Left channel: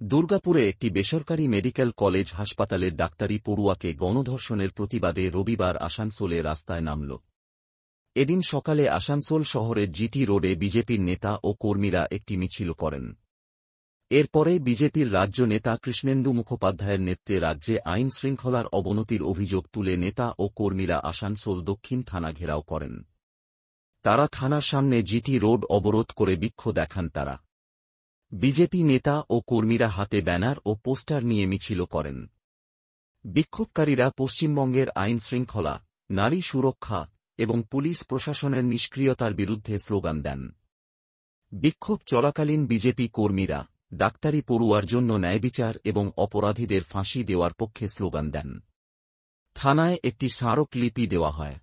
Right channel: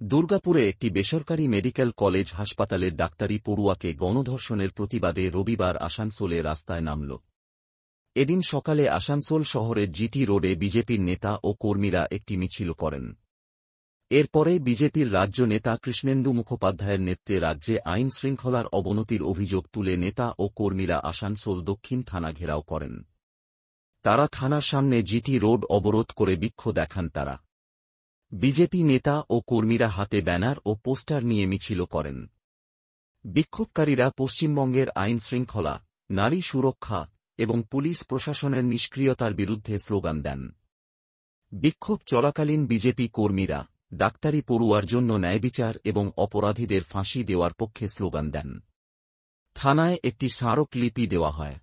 দুর্গাপুরে একটি বেসরকারি মেডিকেল কলেজ হাসপাতালের ডাক্তারি পড়ুয়াকে গণধর্ষণের প্রতিবাদে রবিবার আসানসোলে রাস্তায় নামল। এদিন সকালে আসানসোল শহরের জিটি রোডে বিজেপির নেতা ও কর্মীরা একটি মিছিল করেন। এরপরে বিজেপির রাজ্য নেতা কৃষ্ণেন্দু মুখোপাধ্যায়ের নেতৃত্বে রাজ্যে আইন শৃঙ্খলার অবনতির অভিযোগ তুলে নেতা ও কর্মীরা আসানসোল দক্ষিণ থানা ঘেরাও করেন। তারা থানার সামনে জিটি রোড অবরোধ করে বিক্ষোভ দেখান। তারা বিজেপি নেতা ও কর্মীরা হাতে ব্যানার ও পোস্টার নিয়ে মিছিল করেন। বিক্ষোভকারীরা পশ্চিমবঙ্গের আইন শৃঙ্খলা, নারী সুরক্ষা এবং পুলিশ প্রশাসনের নিষ্ক্রিয়তার বিরুদ্ধে স্লোগান দেন। বিক্ষোভ চলাকালীন বিজেপি কর্মীরা ডাক্তারি পড়ুয়ার জন্য ন্যায়বিচার এবং অপরাধীদের ফাঁসি দেওয়ার পক্ষে স্লোগান দেন। থানায় একটি স্মারকলিপি দেওয়া হয়।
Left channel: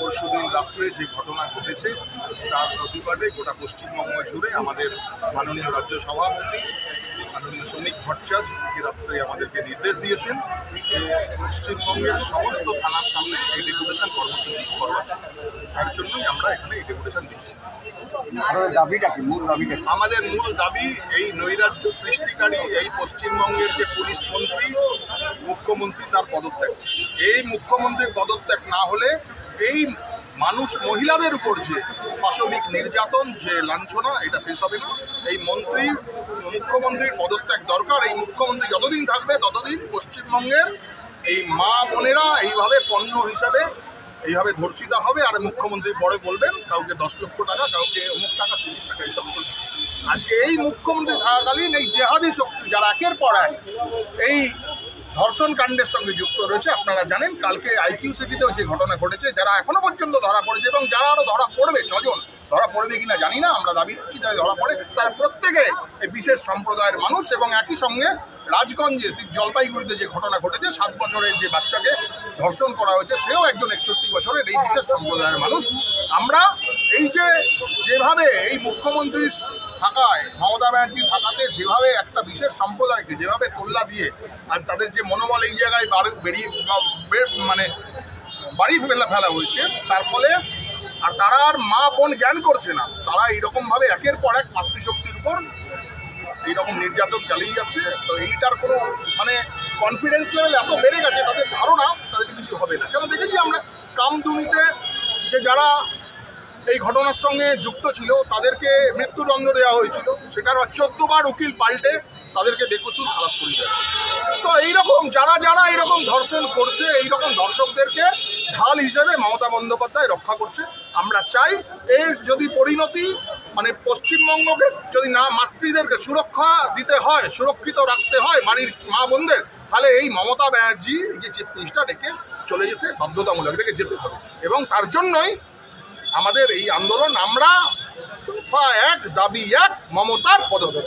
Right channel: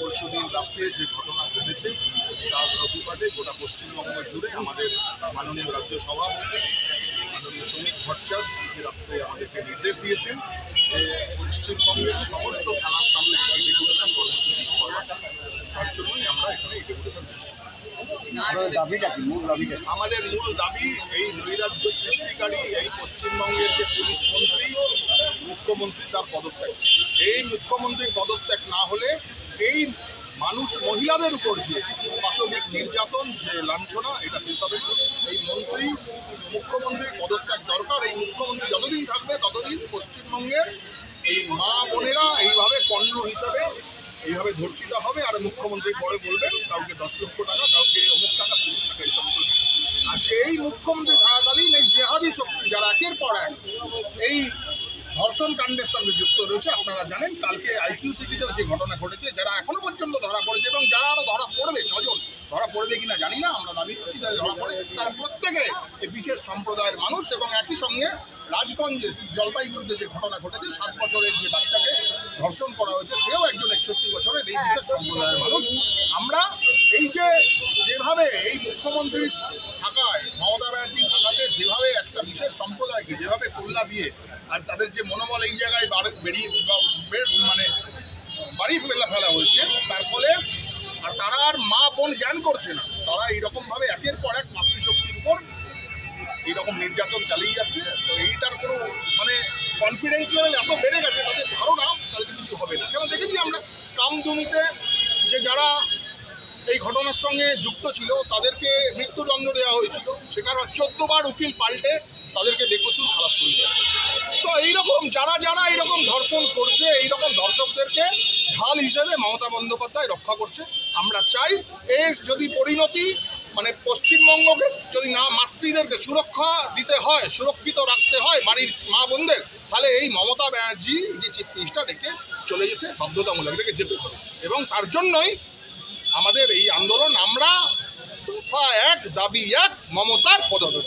পরশুদিন রাত্রে যে ঘটনা ঘটেছে তার প্রতিবাদে গোটা পশ্চিমবঙ্গ জুড়ে আমাদের মাননীয় রাজ্য সভাপতি মাননীয় শ্রমিক ভট্টাচার্য রাত্রে আমাদেরকে নির্দেশ দিয়েছেন যে পশ্চিমবঙ্গের সমস্ত থানার সামনে এই ডেপুটেশন কর্মসূচি করার তার জন্যই আমরা এখানে এই ডেপুটেশন দিচ্ছি। আমাদের মূল দাবি এই নৈরাজ্য সৃষ্টিকারী এই পশ্চিমবঙ্গের যে পুলিশ মন্ত্রী মুখ্যমন্ত্রী তার পদত্যাগ। এই মুখ্যমন্ত্রীর পদত্যাগ না হলে এই মহিলাদের উপর যে পাশবিক নির্যাতন, যে লাঞ্ছনা, এটা শেষ হবে না। এই মুখ্যমন্ত্রীর পদত্যাগ দরকার। এই মুখ্যমন্ত্রী যতদিন থাকবে ততদিন পশ্চিমবঙ্গের এই মা বোনেরা এইভাবে পণ্য হিসাবে এইভাবে ধর্ষিতা হবে। আর মুখ্যমন্ত্রী পরে বলবেন কাউকে 10 লক্ষ টাকা, কাউকে অমুক টাকা, 30 টাকা, এইসব চলবে। আজকে এই মুখ্যমন্ত্রী থাকাকালীন এই জেহাদি শক্তি যারা একের পর এক এই ধর্ষণ কাণ্ডের সঙ্গে যুক্ত রয়েছে, আপনারা জানেন কালকে আইকিউ সিটিতেও যে ঘটনা ঘটেছে, যারা এখনো পর্যন্ত ধরা পড়েছে এবং যারা আরো ধরা পড়বে, 6 জন ধরা পড়বে কিনা জানি না, আমরা দাবি করছি যারা ধরা পড়ে তারা প্রত্যেকে এই বিশেষ সম্প্রদায়ের মানুষ। এবং একই সঙ্গে রাজগঞ্জে জলপাইগুড়িতে যে ঘটনা ঘটেছে, 7 বছরের যে বাচ্চাকে ধর্ষণ করা হয়েছে, সেও একজন 61 বছরের এই বিশেষ সম্প্রদায়ের মানুষ। আমরা এই যেভাবে এই মুখ্যমন্ত্রীর থাকায়, মমতা ব্যানার্জি থাকাতে যেভাবে একটা বিশেষ সম্প্রদায়কে যেভাবে তোল্লা দিয়ে আর তাদের যে মনোবল এই জায়গায় বাড়ি ফেলা হয়েছে, তার ফলে আর তারা আর মা বোন জ্ঞান করছে না। তারা এইরকমভাবে একের পর এক মাতৃশক্তির উপর এইরকম নির্যাতন চালিয়ে যাচ্ছে। তো এইটার কোনো কনফিডেন্স লেভেল এত বেড়ে গেছে, তাদের ধারণা তাদের কিছু হবে না। কারণ দেখেছি আমরা কামদুনিতে যে যারা এই ঘটনার সঙ্গে যুক্ত ছিল তাদেরকে মৃত্যুদণ্ড দেওয়া হয়েছিল, সেখানে 14 বার উকিল পাল্টে তাদেরকে বেকসুর খালাস করে দেয়। তো এইরকম যারা এইরকম ধর্ষণ করছে, এইরকম দর্শকদেরকে ঢাল হিসেবে মমতা বন্দ্যোপাধ্যায় রক্ষা করছে। আমরা চাই এর যদি পরিণতি পশ্চিমবঙ্গকে যদি না মাতৃদেরকে সুরক্ষা দিতে হয়, সুরক্ষিত রাখতে হয় বাড়ির মা বোনদের, তাহলে এই মমতা ব্যানার্জি যে চিফ মিনিস্টার ডেকে চলে যেতে বাধ্যতামূলক, ডেকে যেতে হবে। এবং তার জন্যই আমাদের এই আন্দোলন। আমরা দফা 1 দাবি 1 মমতার পদত্যাগ।